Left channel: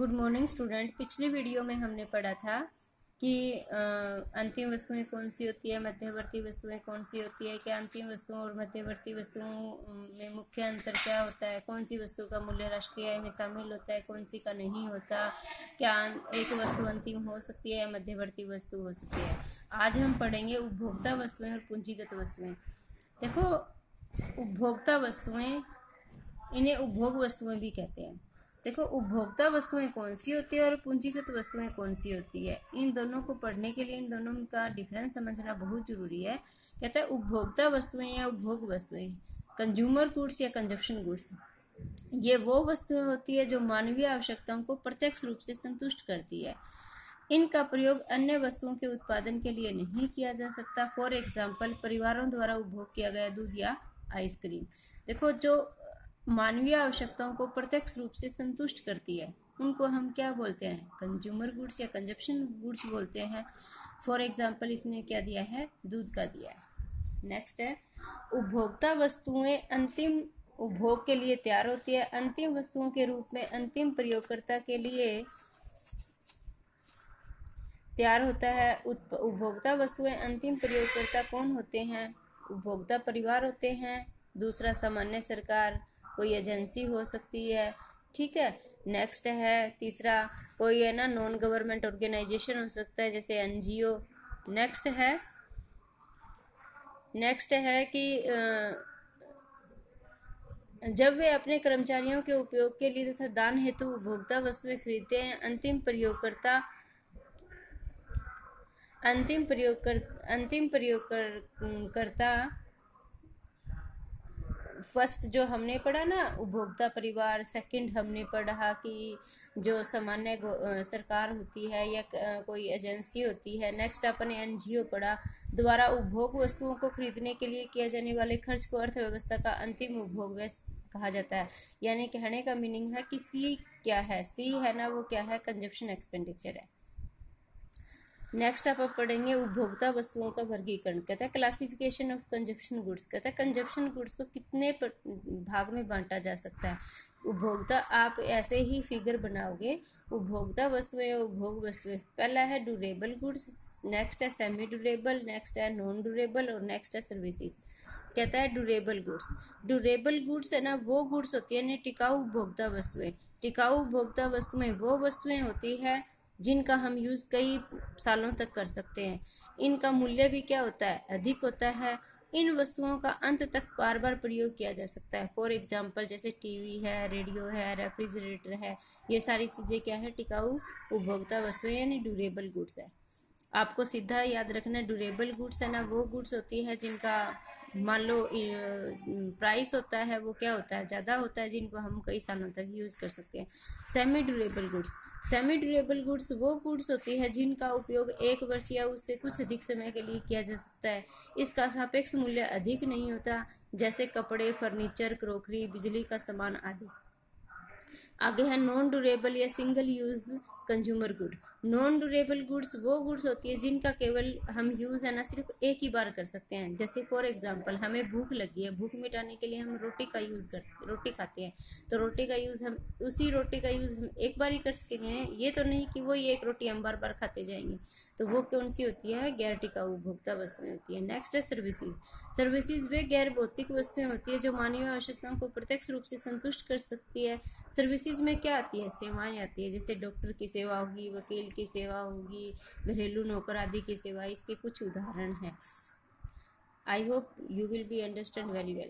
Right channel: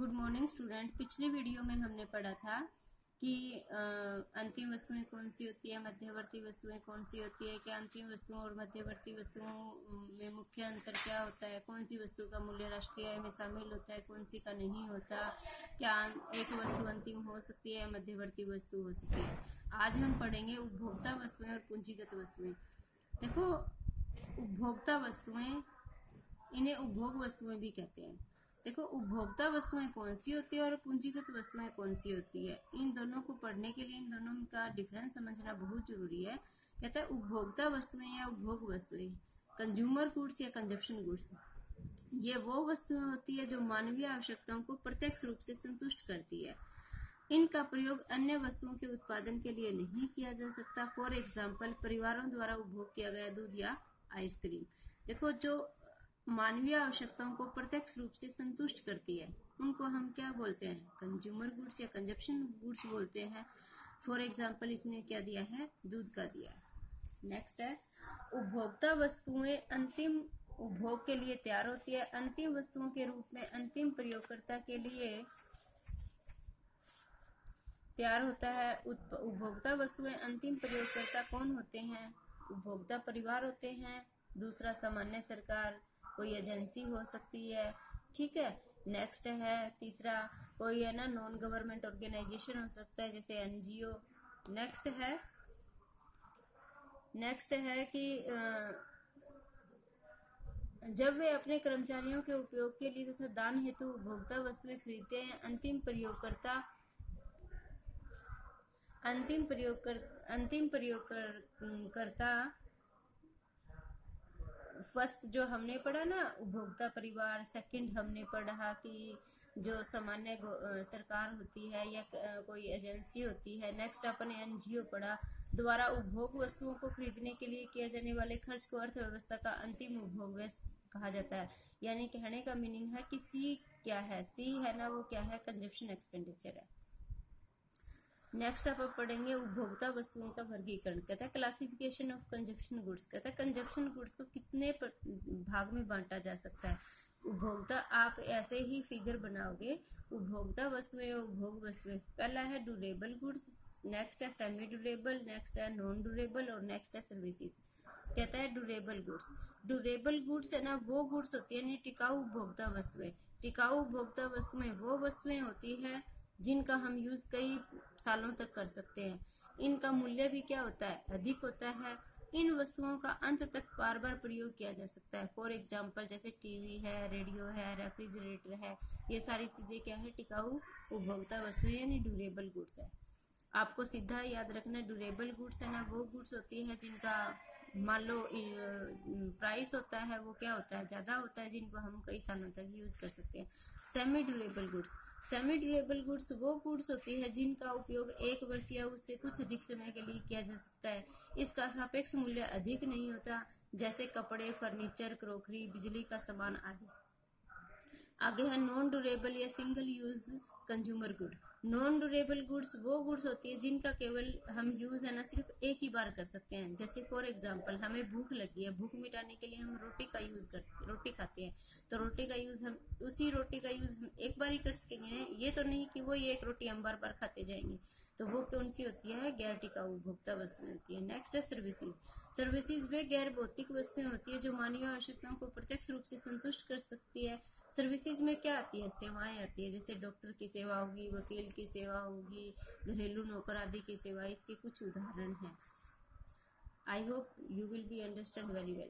Good morning student. पिछली video में हमने पढ़ा था कि अंतिम वस्तुएं कौन सी होती है, मध्यवर्ती वस्तुएं कौन सी होती है, क्या अंतिम वस्तुओं और मध्यवर्ती वस्तुओं में मुख्य अंतर क्या होता है, कौन सी वस्तु का मूल्य राष्ट्रीय आय में शामिल होता है, कौन सी का नहीं होता, क्या एक वस्तु अंतिम हो सकती है या मध्यवर्ती वस्तु हो सकती है। आज हम पढ़ेंगे उपभोक्ता वस्तुएं और पूंजीगत वस्तुएं। देखो, उपभोक्ता वस्तुएं, इन्हें उपभोग वस्तुएं भी कहते हैं। देखो, उपभोक्ता वस्तुएं कौन सी होती है और पूंजीगत वस्तुएं कौन सी होती है, इन दोनों को पढ़ने के लिए इन दोनों का डिफरेंस समझना बहुत जरूरी है। कहता है उपभोक्ता वस्तुएं या उपभोग वस्तुएं, कंज्यूमर गुड्स या कंजप्शन गुड्स, ये वो वस्तुएं होती है जो मानवीय आवश्यकताओं को प्रत्यक्ष रूप से संतुष्ट करती है। इनका प्रयोग अन्य वस्तुओं के उत्पादन के लिए नहीं किया जा सकता। फॉर एग्जाम्पल, परिवारों द्वारा उपभोग किया गया दूध या आइसक्रीम। देखो, जो मानवीय आवश्यकताओं को प्रत्यक्ष रूप से संतुष्ट करती है, उनको हम क्या बोलते हैं? कंज्यूमर गुड्स या कंजप्शन गुड्स बोलते हैं। फॉर एग्जाम्पल, इसने क्या दिया है? दूध का दिया है। नेक्स्ट है, उपभोक्ता वस्तुएं अंतिम उपभोग के लिए तैयार होती है। अंतिम वस्तुओं के रूप में अंतिम प्रयोगकर्ता के लिए तैयार होता है। उपभोक्ता वस्तुएं अंतिम प्रयोगकर्ता कौन होते हैं? उपभोक्ता परिवार होते हैं। दूसरा, सामान्य सरकार, कोई एजेंसी हो सकती है, ठीक है। नेक्स्ट है तीसरा, कोई है ना नॉन गवर्नमेंट ऑर्गेनाइजेशन हो सकता है, जैसे एनजीओ। नेक्स्ट है कि जब वे अपने कर्मचारियों के उपयोग के लिए तथा दान हेतु उपभोक्ता वस्तुएं खरीदते हैं, अंतिम प्रयोगकर्ता फर्स्ट जो हमने पढ़ा ना उपभोक्ता परिवार, सेकंड हमने पढ़ा कि जो सामान्य सरकार होती है या कोई एजेंसी होती है। नेक्स्ट अपन एनजीओ पढ़ा, द्वारा उपभोग वस्तुओं को खरीदने के लिए किए जाने वाले खर्च को अर्थव्यवस्था का अंतिम उपभोग कहा जाता है। यानी कहने का मीनिंग है कि सी क्या है? सी है ना, वो क्या है? कंजप्शन एक्सपेंडिचर है। नेक्स्ट आप पढ़ेंगे उपभोक्ता वस्तुओं का वर्गीकरण। कहता है क्लासिफिकेशन ऑफ कंजप्शन गुड्स। कहता है कंजप्शन गुड्स को कितने भाग में बांटा जा सकता है। उपभोक्ता, आप ऐसे ही फिगर बनाओगे, उपभोक्ता वस्तुएं और उपभोग वस्तुएं। पहला है ड्यूरेबल गुड्स, नेक्स्ट है सेमी ड्यूरेबल, नेक्स्ट है नॉन ड्यूरेबल और नेक्स्ट है सर्विसेज। कहता है ड्यूरेबल गुड्स है ना, वो गुड्स होती है टिकाऊ उपभोक्ता वस्तुएं। टिकाऊ उपभोक्ता वस्तुएं वो वस्तुएं होती है जिनका हम यूज कई सालों तक कर सकते हैं। इनका मूल्य भी क्या होता है? अधिक होता है। इन वस्तुओं का अंत तक बार बार प्रयोग किया जा सकता है। फॉर एग्जाम्पल, जैसे टीवी है, रेडियो है, रेफ्रिजरेटर है, ये सारी चीजें क्या है? टिकाऊ उपभोक्ता वस्तुएं यानी ड्यूरेबल गुड्स है। आपको सीधा याद रखना, ड्यूरेबल गुड्स है ना, वो गुड्स होती है जिनका मान लो प्राइस होता है वो क्या होता है? ज्यादा होता है, जिनको हम कई सालों तक यूज कर सकते हैं। सेमी ड्यूरेबल गुड्स वो गुड्स होती है जिनका उपयोग 1 वर्ष या उससे कुछ अधिक समय के लिए किया जा सकता है। इसका सापेक्ष मूल्य अधिक नहीं होता, जैसे कपड़े, फर्नीचर, क्रोकरी, बिजली का सामान आदि। आगे है नॉन ड्यूरेबल या single use consumer good. Non durable goods वो गुड्स होती है जिनका केवल हम यूज है ना सिर्फ एक ही बार कर सकते हैं। जैसे फॉर एग्जांपल, हमें भूख लगी है, भूख मिटाने के लिए हम रोटी खाते हैं, तो रोटी का यूज हम एक बार ही कर सकेंगे। ये तो नहीं कि वो एक रोटी हम बार बार खाते जाएंगे। तो वो कौन सी होती है? गैर टिकाऊ उपभोक्ता वस्तुएं होती है। नेक्स्ट है सर्विसेज वे गैर भौतिक वस्तुएं होती है जो मानवीय आवश्यकताओं को प्रत्यक्ष रूप से संतुष्ट कर सकती है। सर्विसेज में क्या आती है? सेवाएं आती है, जैसे डॉक्टर की सेवा होगी, वकील की सेवा होगी, घरेलू नौकर आदि की सेवा। इसके कुछ उदाहरण हैं। I hope you will be understand very well.